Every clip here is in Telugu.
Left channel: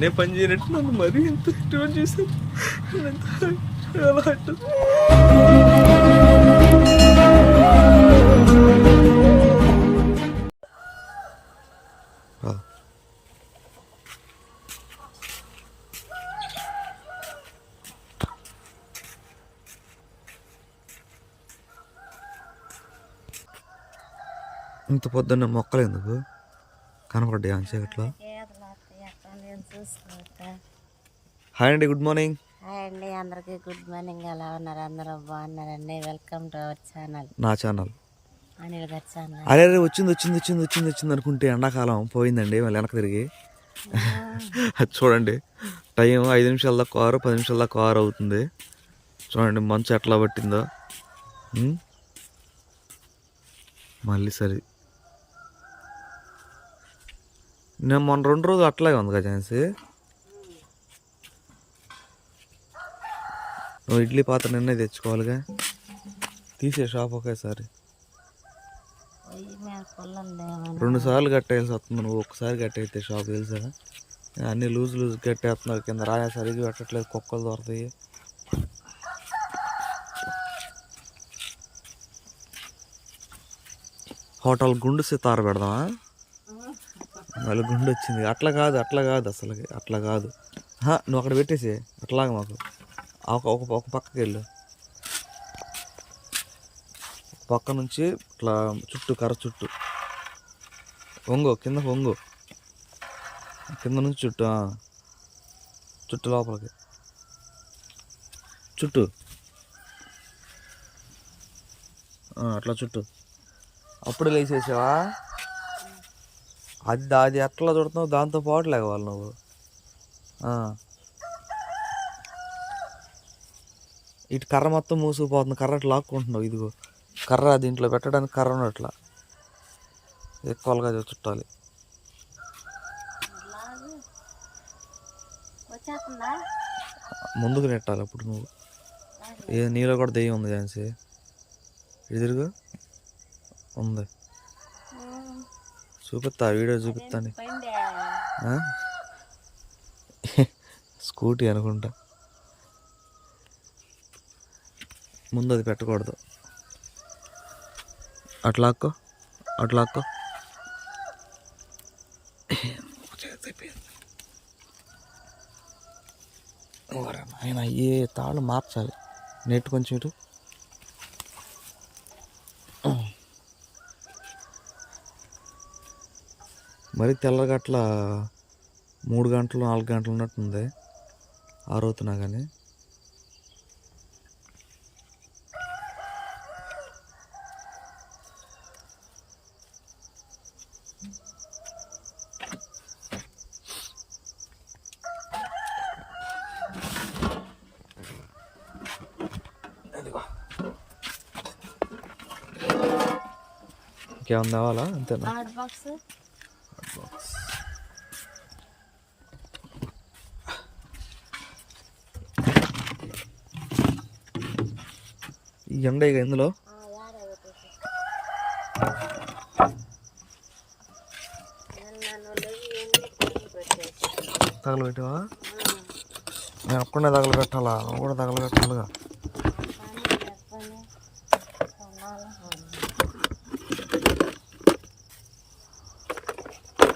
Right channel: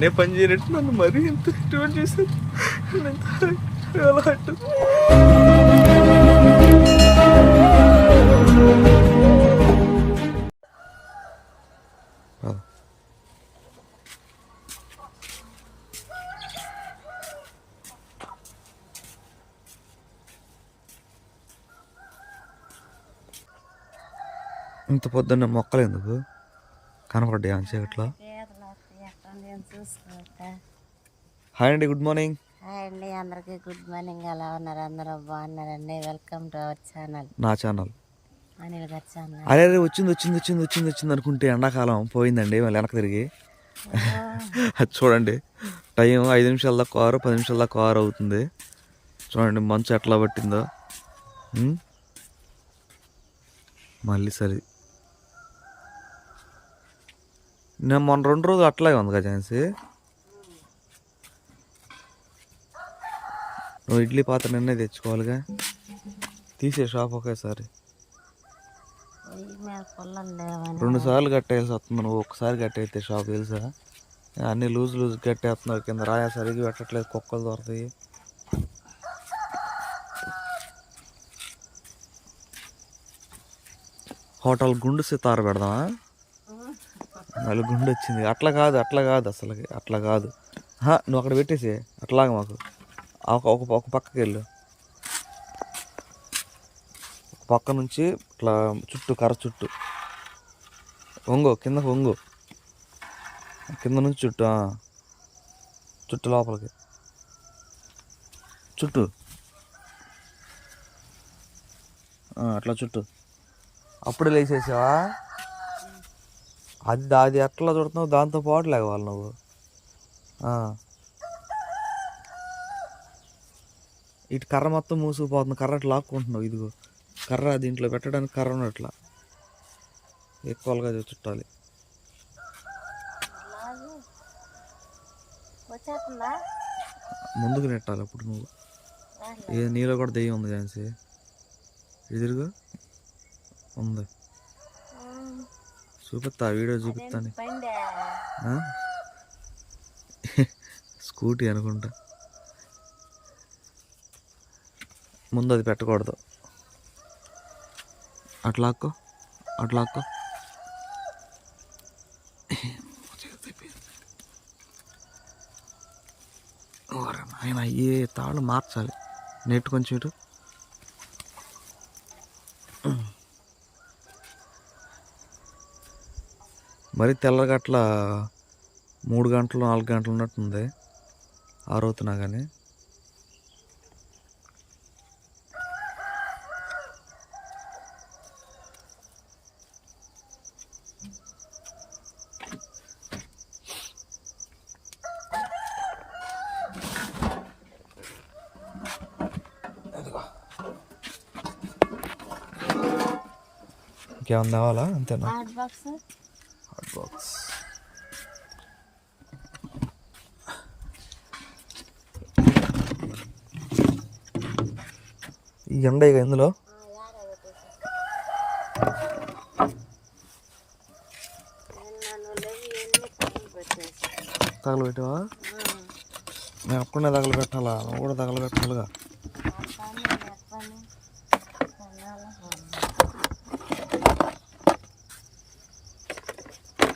నేనే పని చేయనట్టు నన్ను మరీ ఎంత ఇటువంటి చేశారు. ఎలా అట్టు ఇంత పొద్దున్న మొక్కలు ఎందుకు కనపడ్డాయి అంతసేపట్లో? హాయ్ అండి, గుడ్ మార్నింగ్. హాయ్ అండి, అందరికీ గుడ్ మార్నింగ్. ఎలా ఉన్నారు? అందరూ బాగున్నారండి. వెల్కమ్ టు అవర్ ఛానల్, నా ఛానల్, అనిల్ గారి ఛానల్. అరే వచ్చింది అనుకుంటే ఎండాకాలం పోయిందండి. మళ్ళీ వెనక తిరిగి అది చూడండి, టైం 5 నిమిషాల దాకా కారు, 10 నిమిషాల దాకా కారు అవుతుంది. చూడండి మంచు ఎట్లా పట్టిందో. మళ్ళీ సరే, నేను మొన్న 2 రోజులు అట్లాగే ఉంది కదా ఝాన్సీ. నువ్వు ఇడ్లీ పాత్ర నిన్నే తెచ్చుకోవాలిగా, తీసే షాప్ ఒకేసారి. 2 సార్లు కట్టేయాల్సి వస్తుంది. నువ్వు ఒక్కసారి కట్టేస్తే షాప్ తెలుసా? అన్నీ లూజ్ కట్టేస్తున్నావు. కింద రాయా సరిగ్గా పెట్టట్లేదు, కుక్కలు దొరుకుతాయి. హోటల్ గుండు సితార పెడదామా? మళ్ళీ గుండు వచ్చింది. అట్లా కాదు అసలు అట్లా కాదు. నువ్వు అక్కడ పెట్టేసి అట్లాగా మాకు ఒక పక్కకి వెళ్ళు. ఒక పక్క నుంచి ఇట్లా చుట్టూ కర్ర చుట్టూ వంగు, కింద వంగు, కింద నుంచి చుట్టూ లోపలికి చుట్టూ అట్లా చుట్టూ. అప్పుడే లేచేసావా? అది ఎట్లా చుడుతున్నావు? దాంతో పాటు లేవాలి నువ్వు. ఇటు కర్ర మొత్తం మూసుకుపోతుంది. కర్ర అట్లా లాక్కుంటున్నావు. ఇదిగో కర్ర దీంట్లో పెట్టడానికి కర్ర ఉన్నట్లా ఎక్కువగా చుట్టాలి. ముందుకు నెట్టాలి అప్పుడు నువ్వు. నీలో కూడా దెయ్యం ఉంది ఝాన్సీ. ఎదురుగా ఉంది, చూపిస్తా, వీడియో చూపిస్తాను. స్కూటీ అనుకుంటా. ముందు అది పెట్టకూడదు. అట్లాక్కో ఆయన అయ్యే తాళ్ళు మార్చాలి. నెట్ కొంచెం ఇటు. మరి తెల్లగట్ల 3 గంటలు 4 గంటలు ఉన్నట్టుంది ఆరవుతున్నా కానీ. ఇంకేమన్నా కావాలా? అంతేనా? హాట్ బాక్స్ ఈ ఎండ ఇక ఇందులో తగలబెట్టావా? నేను అప్పుడే తగలబెట్టాలా? నువ్వు కూడా తగలబెట్టాలిగా.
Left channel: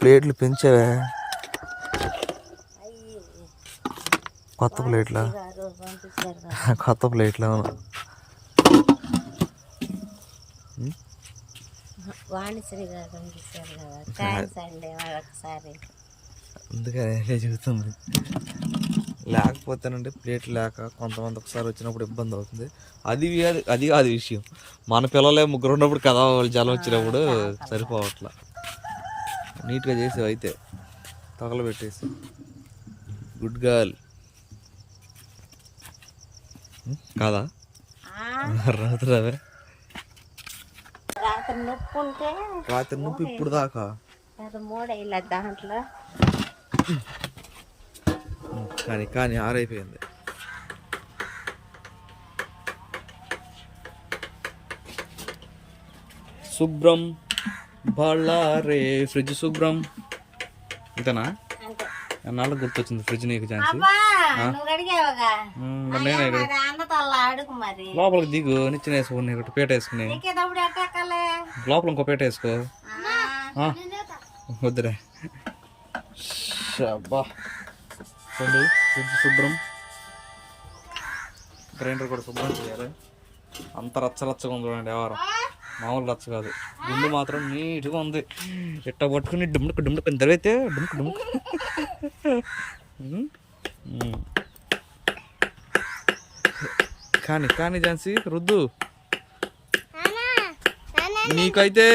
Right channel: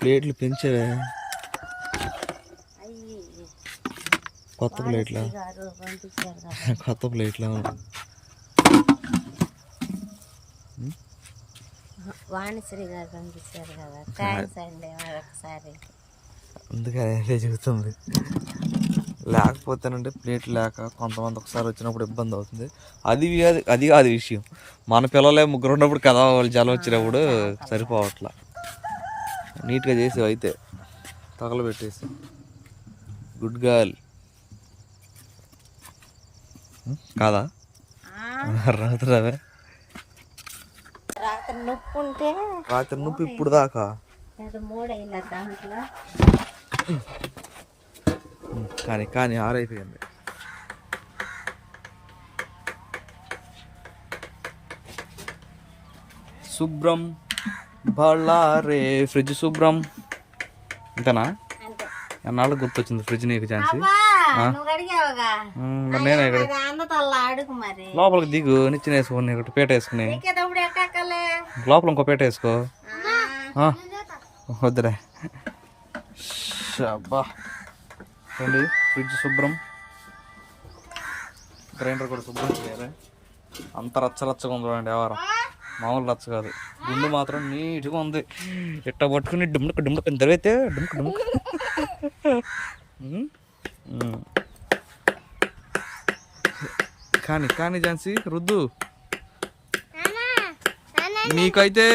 ప్లేట్లు పెంచావే, కొత్త ప్లేట్లా? వాణిశ్రీ గారు పంపించారు కదా, థ్యాంక్స్ అండి ఒకసారి. అందుకని చెబుతుంది. లేకపోతేనంటే ప్లేట్ లేక కొంతమంది ఒకసారి వచ్చినప్పుడు ఇబ్బంది అవుతుంది. అది కాదు విషయం. మన పిల్లలే 3 ఉన్నప్పుడు కదా, వాళ్ళు జలం వచ్చినప్పుడు సరిపోవట్లా. నీట్గా చేసేవి అయితే తగలబెట్టేసి. గుడ్ గర్ల్ కాదా? రాత్రి నొప్పి ఇప్పుడు దాకా కానీ ఆరైపోయింది. శుభ్రం బళ్ళారే, ఫ్రిడ్జ్ శుభ్రం. ఇంతనా? అన్నాళ్ళు గుర్తొచ్చింది ఫ్రిడ్జ్ నీకు ఛాన్స్. నువ్వు అడిగావుగా అడుగు మరి. లోపలికి దిగు నిచ్చిన వేసుకుని ఒకటి పీట వేసుకుని లోపల ఇంకో పీట వేసుకో. వద్దురే. అబ్బా చూడండి ఫ్రిడ్జ్ శుభ్రం, గ్రైండర్ కూడా శుభ్రం చేయాలి. అంత రచ్చరచ్చగా ఉంది చూడండి వ్యవహారం, మామూలు రచ్చ కాదు. గుండు మాత్రం నీట్గా ఉంది. ఇట్ట పట్టుకుని డుమ్ముకు డుమ్ముకు దరివైతే డుమ్ముకు డుమ్ముకు. కానీ కానీ ఝాన్సీ రుద్దు. మీకైతే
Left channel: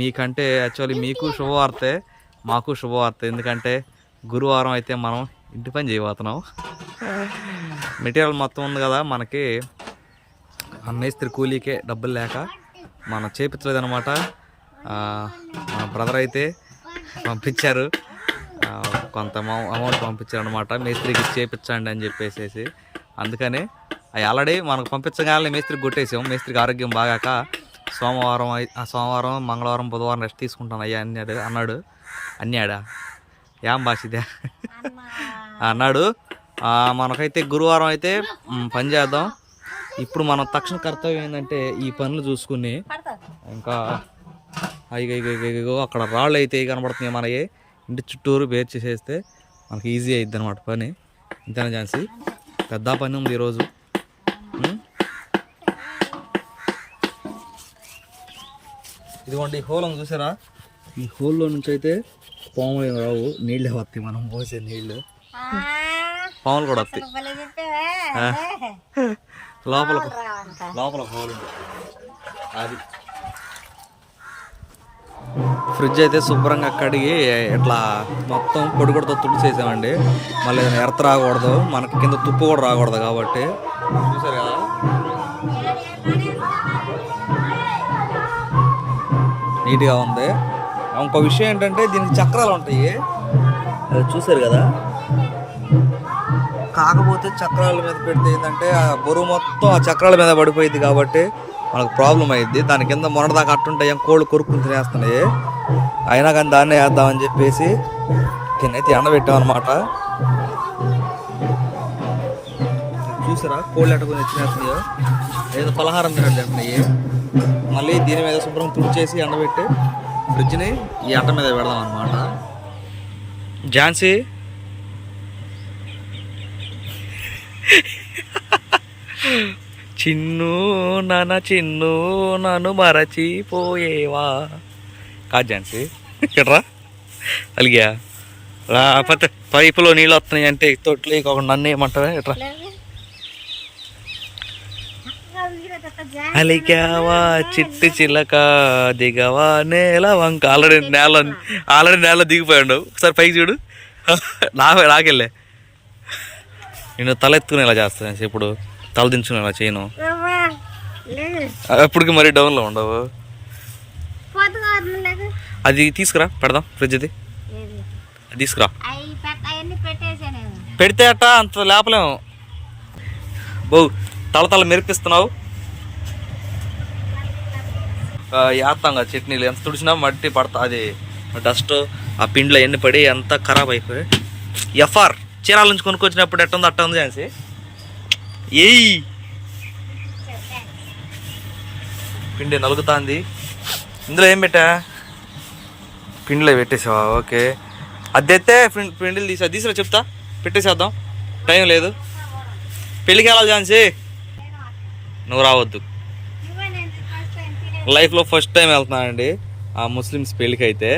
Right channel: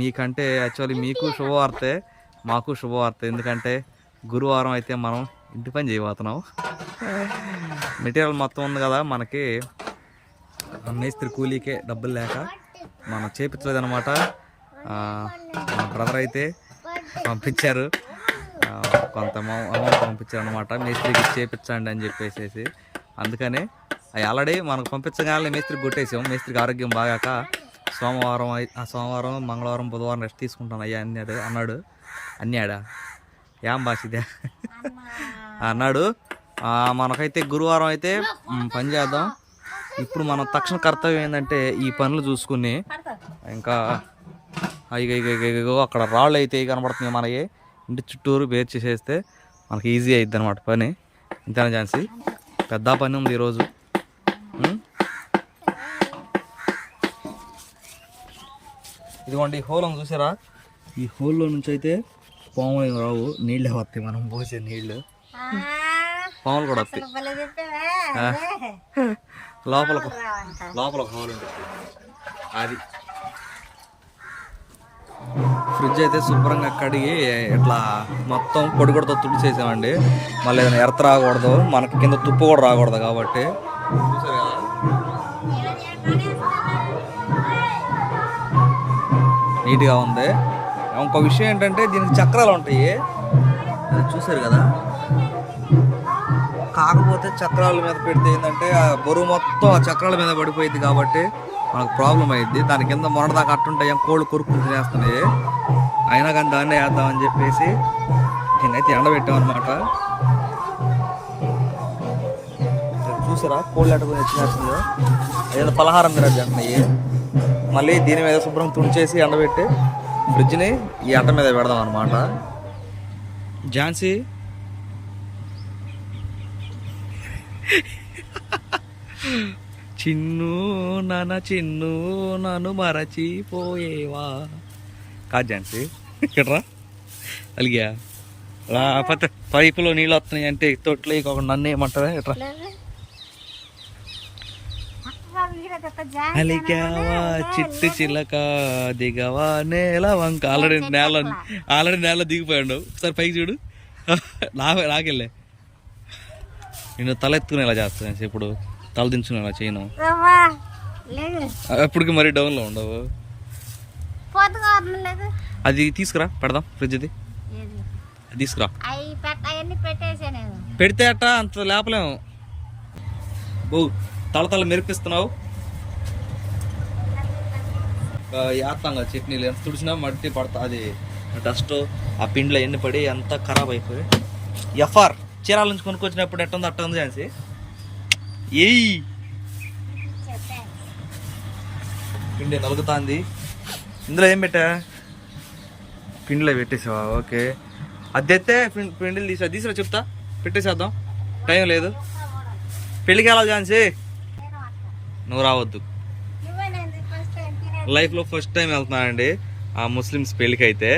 మీకంటే యాక్చువల్లీ మీకు శుభవార్తే, మాకు శుభవార్త. ఎందుకంటే గురువారం అయితే మనం ఇంటి పని చేయబోతున్నాం. మెటీరియల్ మొత్తం ఉంది కదా మనకి, మేస్త్రి కూలీకే డబ్బులు లేక మనం చేపించలేదన్నమాట. మా బ్రదర్ అయితే పంపించారు, కొంత అమౌంట్ పంపించారు అనమాట. మేస్త్రికి చేపించండి అని చెప్పేసి. అందుకనే అవి ఆల్రెడీ మనకు పంపించగానే మేస్త్రికి కొట్టేసాం. మేస్త్రికి ఆరోగ్యం బాగాక సోమవారం మంగళవారం బుధవారం రెస్ట్ తీసుకుంటాను అయ్యా అన్నాడు. అన్నాడా ఏం భాష ఇదే అన్నాడు. మనకైతే గురువారం అయితే పని చేద్దాం. ఇప్పుడు మనం తక్షణ కర్తవ్యం ఏంటంటే ఈ పనులు చూసుకుని ఇంకా అక్కడ రాళ్ళు అయితే కనబడుతున్నాయి మనకి, ఇంటి చుట్టూరు బేర్ చేసేస్తే మనకి ఈజీ అయిద్ది అనమాట పని. ఇంతేనా ఝాన్సీ? పెద్ద పని ఉంది ఈరోజు. ఇదిగోండి ఈ హోల్ చూసారా? ఈ హోల్లో నుంచి అయితే పాములు ఏమి రావు, నీళ్ళే వస్తాయి. మనం పోసే నీళ్ళు పాములు కూడా వస్తాయి. లోపల హోల్ ఉంది అది. ఫ్రిడ్జ్ అయితే శుభ్రంగా కడిగి ఇట్లా మొత్తం పొడి కూడా తుడిచేసామండి. మళ్ళీ ఏదైనా ఎర్త రాకూడదు, మనకి కింద తుప్పు కూడా రాకూడదు కాబట్టి. చూసారు కదా నీట్గా ఉంది. ఇంకో విషయం ఏంటంటే దీనికి చక్రాలు ఉంటాయి, చూసారు కదా. కాకపోతే చక్రాల మీద పెడితే ఏంటంటే ఆ బరువు మొత్తం ఆ చక్రాల మీద పడిపోయింది కాబట్టి మనకు ప్రాబ్లం అయ్యిద్ది. దాని కింద మొన్నదాకా అట్టుంటాయి, కోళ్ళు కొరుక్కుని తినేస్తున్నాయి. అయినా కానీ దాన్నే వేద్దామని చెప్పేసి కిందైతే ఎండబెట్టామన్నమాట. చూసారా కోళ్ళు ఎట్టుకుని తినేస్తున్నాయో, ఏదో పలహారం తినట్టు తింటున్నాయి. మళ్ళీ దీని మీద శుభ్రం తుడిచేసి ఎండబెట్టి ఫ్రిడ్జ్ని ఈ అట్ట మీద పెడదాం అన్నమాట. ఝాన్సీ చిన్ను నన్ను మరచిపోయేవా కాదు ఝాన్సీ, ఇట్రా అలిగా రాకపోతే పైపులో నీళ్ళు వస్తున్నాయి అంటే తొట్లు ఒక నన్ను ఏమంటావా? ఇట్రా అలికావా చిట్టి చిలక దిగవా నేల వంక. ఆల్రెడీ నేల దిగిపోయాడు. ఒకసారి పైకి చూడు. నాకెళ్ళే నేను తల ఎత్తుకునేలా చేస్తాను, ఇప్పుడు తల దించుకునేలా చేయను. అప్పటికి మరీ డౌన్లో ఉండవు. అది తీసుకురా పెడదాం ఫ్రిడ్జ్. అది తీసుకురా. పెడితే అట్ట అంత లేపలేము. బో తల మెరిపిస్తున్నావు. వేస్తాం కదా చట్నీలు, ఎంత తుడిచినా మట్టి పడతా, అది డస్ట్ ఆ పిండిలో ఎన్ని పడి ఎంత ఖరాబ్ అయిపోయి. ఎఫ్ఆర్ చీరాల నుంచి కొనుక్కొచ్చినప్పుడు ఎట్టుంది అట్ట ఉంది ఝాన్సీ. ఏయ్ పిండి నలుగుతుంది. ఇందులో ఏం పెట్టా? పిండిలో పెట్టేసావా? ఓకే. అదైతే పిండిలు తీసుకురా చెప్తా, పెట్టేసేద్దాం. టైం లేదు, పెళ్ళికి వెళ్ళాలి ఝాన్సీ. నువ్వు రావద్దు, లైఫ్లో ఫస్ట్ టైం వెళ్తున్నానండి ఆ ముస్లిమ్స్ పెళ్ళికి. అయితే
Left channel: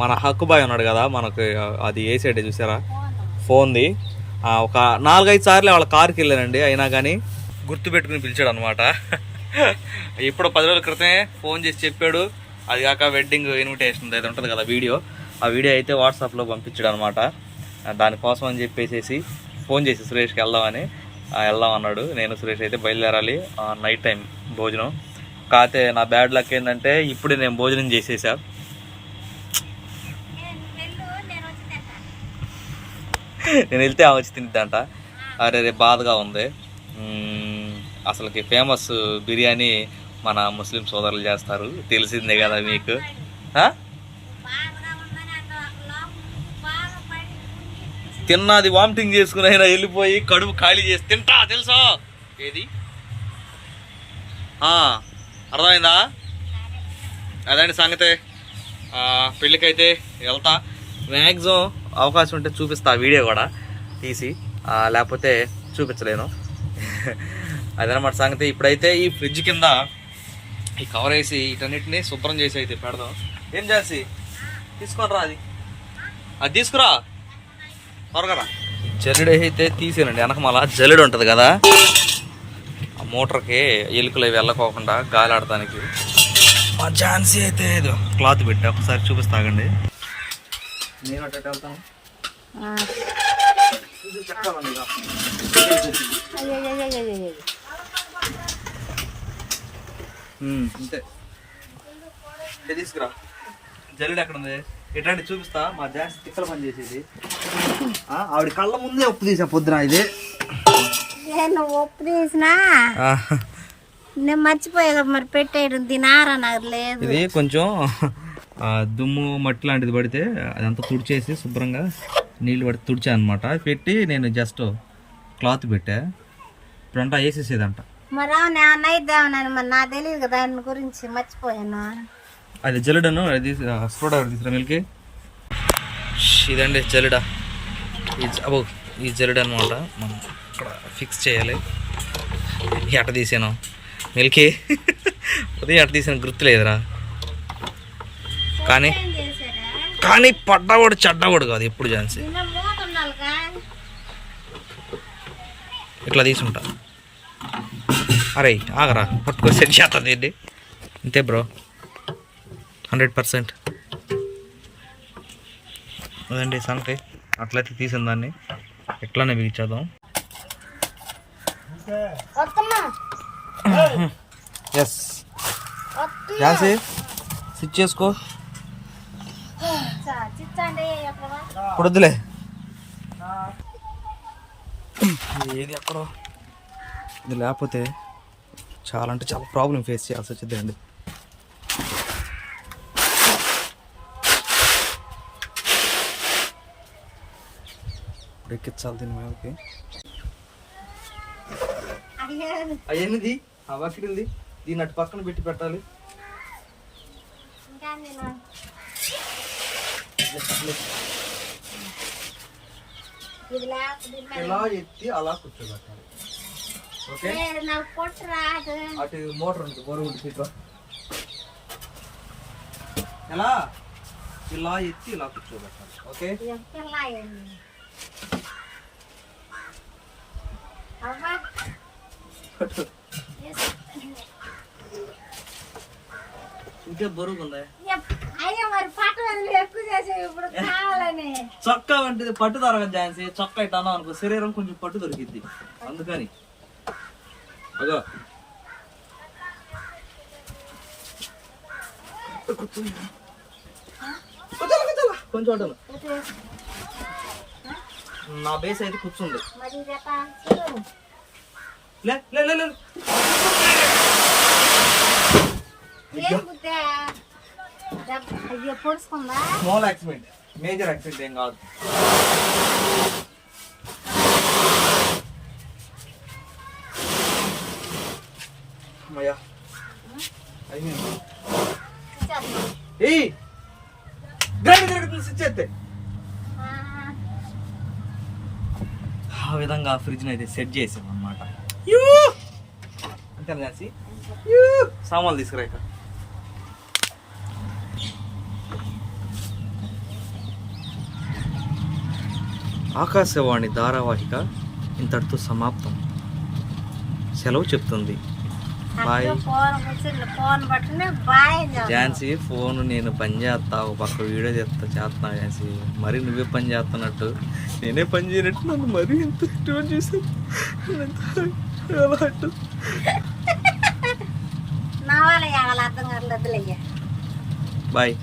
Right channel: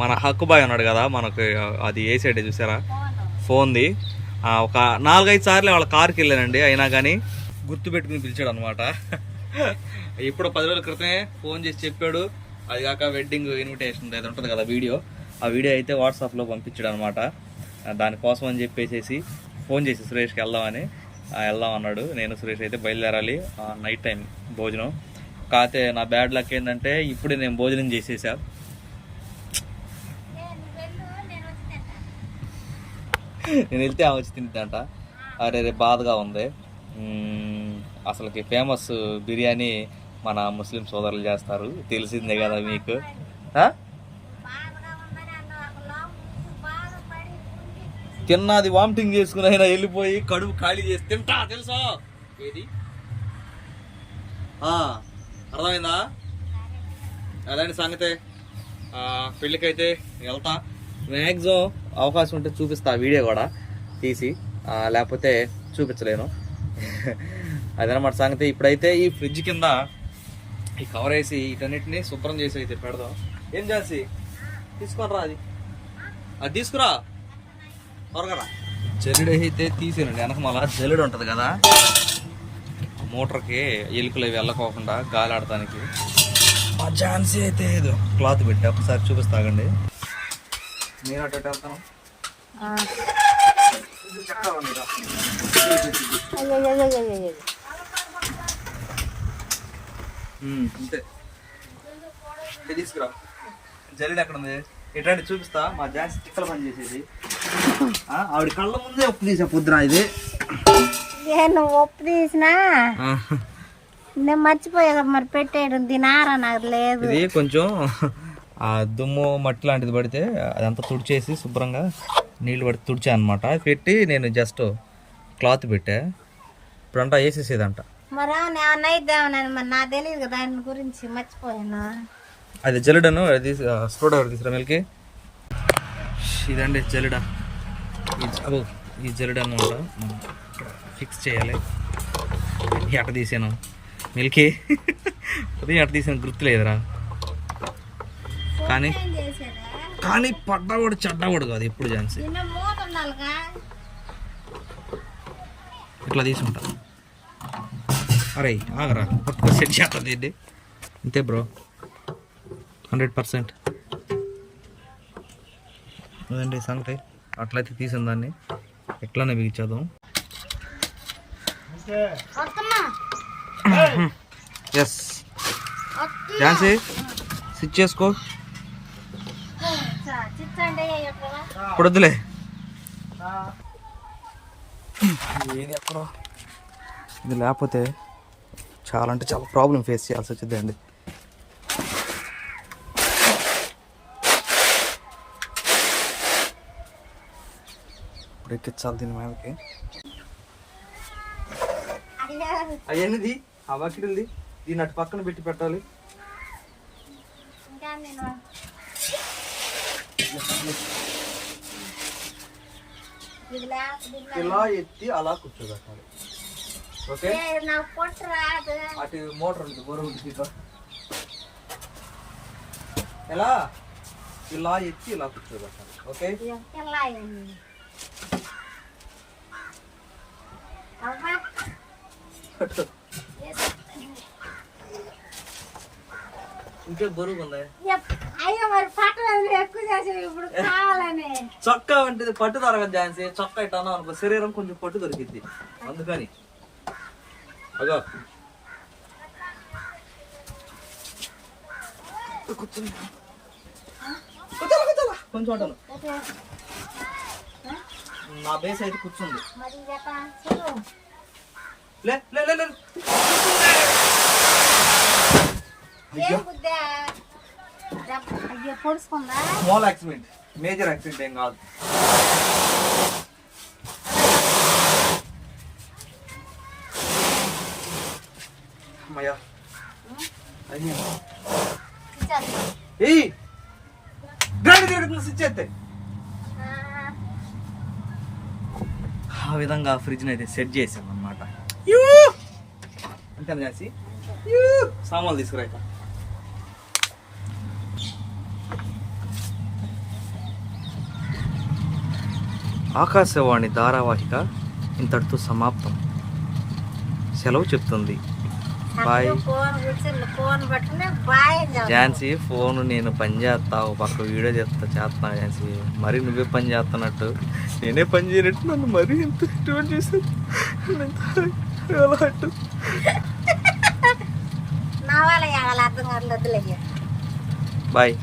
మన హక్కుబాయ్ ఉన్నాడు కదా మనకు, అది ఏ సైడ్ చూసారా ఫోన్ది. ఒక 4-5 సార్లు వాళ్ళ కారుకి వెళ్ళానండి, అయినా కానీ గుర్తుపెట్టుకుని పిలిచాడు అనమాట. ఇప్పుడు 10 రోజుల క్రితమే ఫోన్ చేసి చెప్పాడు. అది కాక వెడ్డింగ్ ఇన్విటేషన్ అయితే ఉంటుంది కదా వీడియో, ఆ వీడియో అయితే వాట్సాప్లో పంపించాడు అనమాట. దానికోసం అని చెప్పేసి ఫోన్ చేసి సురేష్కి వెళ్దాం అన్నాడు. నేను సురేష్ అయితే బయలుదేరాలి నైట్ టైం భోజనం. కాకపోతే నా బ్యాడ్ లక్ ఏంటంటే ఇప్పుడే నేను భోజనం చేసేసా. నేను వెళ్తే ఆమె వచ్చి తింటా. అరే రేపు బాధగా ఉంది. అసలుకి ఫేమస్ బిర్యానీ మన ముస్లిం సోదరులు చేస్తారు, తెలిసిందే కదా మీకు. తిన్నది వామిటింగ్ చేసుకుని అయినా వెళ్ళిపోయి కడుపు ఖాళీ చేసి తింటా తెలుసా ఏది అర్థమైందా? అదండి సంగతే. పెళ్ళికైతే వెళ్తా, మ్యాక్సిమం అవకాశం ఉంటే చూపిస్తా వీడియో కూడా తీసి, లేకపోతే చూపించలేను. అదనమాట సంగతి. ఇప్పుడైతే ఈ ఫ్రిడ్జ్ కింద ఈ కవర్ వేసి వీటన్నిటిని శుభ్రం చేసి అయితే పెడదాం. ఏం చేసి తీసుకొని రా, అది తీసుకురా త్వరగా. జల్లెడ అయితే తీసానండి, వెనక మళ్ళా జల్లెడ ఉంటుంది కదా ఆ మోటార్కి ఎలుకలు అవి వెళ్ళకోకుండా గాలి ఆడటానికి. మా ఝాన్సీ అయితే ఏదో క్లాత్ పెట్టా, ఒకసారి చూపిస్తాగండి. నేను అటు వెళ్తాను. అంతే, తీసుకురా. జల్లెడ ఎక్కడ ఉంది ఎట్లాంటి చూపిస్తా. మా ఝాన్సీ తిక్కల పని చేసేది. ఆవిడ కళ్ళ ముందే ఉప్పు తీసా పొద్దున. ఇది నువ్వు ఉప్పు తీసినా నేను మర్చిపోయా మరి పెట్టేయడం తినారా నాకు లేదు. ఇది కొంచెం దుమ్ము మట్టి లాంటిది పడితే అదంతా తుడిచేసి శుభ్రంగా నీళ్ళు పడి తుడిచా అనమాట. పెట్టి నేను జస్ట్ క్లాత్ పెట్టా. ఇప్పుడంతా వేసేసేదంట. మరి నైద్దామని మరి నాకు తెలియదు కదా దాని గురించి, మర్చిపోయాను. అది జల్లెడను, అది స్క్రూ డ్రైవర్ తీసుకురా మిల్కి. ఇదండి జల్లెడ. ఈ జల్లెడ అనమాట మనం ఇక్కడ ఫిక్స్ చేయాలి. ఎట తీసాను మిల్కి, ఉదయం ఎట తీసాను గుర్తులేదురా. కానీ పడ్డవాడు చెడ్డవాడు కాదు ఎప్పుడు ఝాన్సీ. ఇట్లా తీసుంటా. అరే ఆగరా, పట్టుకో సెట్ చేస్తుంది ఏంటి. అంతే బ్రో, 100%. అదండి సంగతి. అట్లయితే తీసిన దాన్ని ఎట్లానే బిగించేద్దాం. ఎస్ ఝాన్సీ, స్విచ్ చేసుకో. ఇప్పుడు వద్దులే, ఏది ఎక్కడో ఇది లేకపోతే చాలా అంటే చాలా ప్రాబ్లం ఫేస్ చేయాల్సి వచ్చింది అండి. ఇప్పుడు ఎక్కించాలి దీని మీదకి. అవన్నది ఆ బకెట్ ఉంది, దీన్ని అటు పక్కన పెట్టి పెట్టాలి. ఇలా ఎత్తి అలా కూర్చోబెట్టాలి. ఓకే, అటు మోటార్ ఉంటుంది బరువు ఉంటుంది. ఎలా ఇలా ఎత్తి ఇలా కూర్చోబెట్టాలి. ఓకే, ఇంకే బరువు ఉందా? చొక్కా అంటే పట్టు దొరకదు ఝాన్సీ. చొక్కా ఇట్లా అన్నావు అనుకో శరీరం కొంచెం పట్టు దొరికిద్ది, అందుకని. అగో కూర్చుంది కొంచెం ఉంటాను. నా బేస్ అయితే కూర్చుంది. లే లే లే, స్మాల్ యాక్సిడెంట్, మేజర్ యాక్సిడెంట్ ఏం కాదు. అమ్మయ్యా గండి తిరుగుతుంది స్విచ్ అయితే. ఆ విధంగా ఫ్రిడ్జ్ని అయితే సెట్ చేసాం అన్నమాట. అంతేనా ఝాన్సీ? సామాన్లు తీసుకురా. ఇక ఆకాశవాణి ధారావాహిక ఇంతటితో సమాప్తం. సెలవు చెప్తుంది. బాయ్ ఝాన్సీ. ఫోన్ నేను పని చేస్తా, ఒక పక్క వీడియో చేస్తున్నా ఝాన్సీ. మరి నువ్వే పని చేస్తున్నట్టు నేనే పని చేయనట్టు నన్ను మరీ ఎంత ఇటువంటి చేశాను. బాయ్.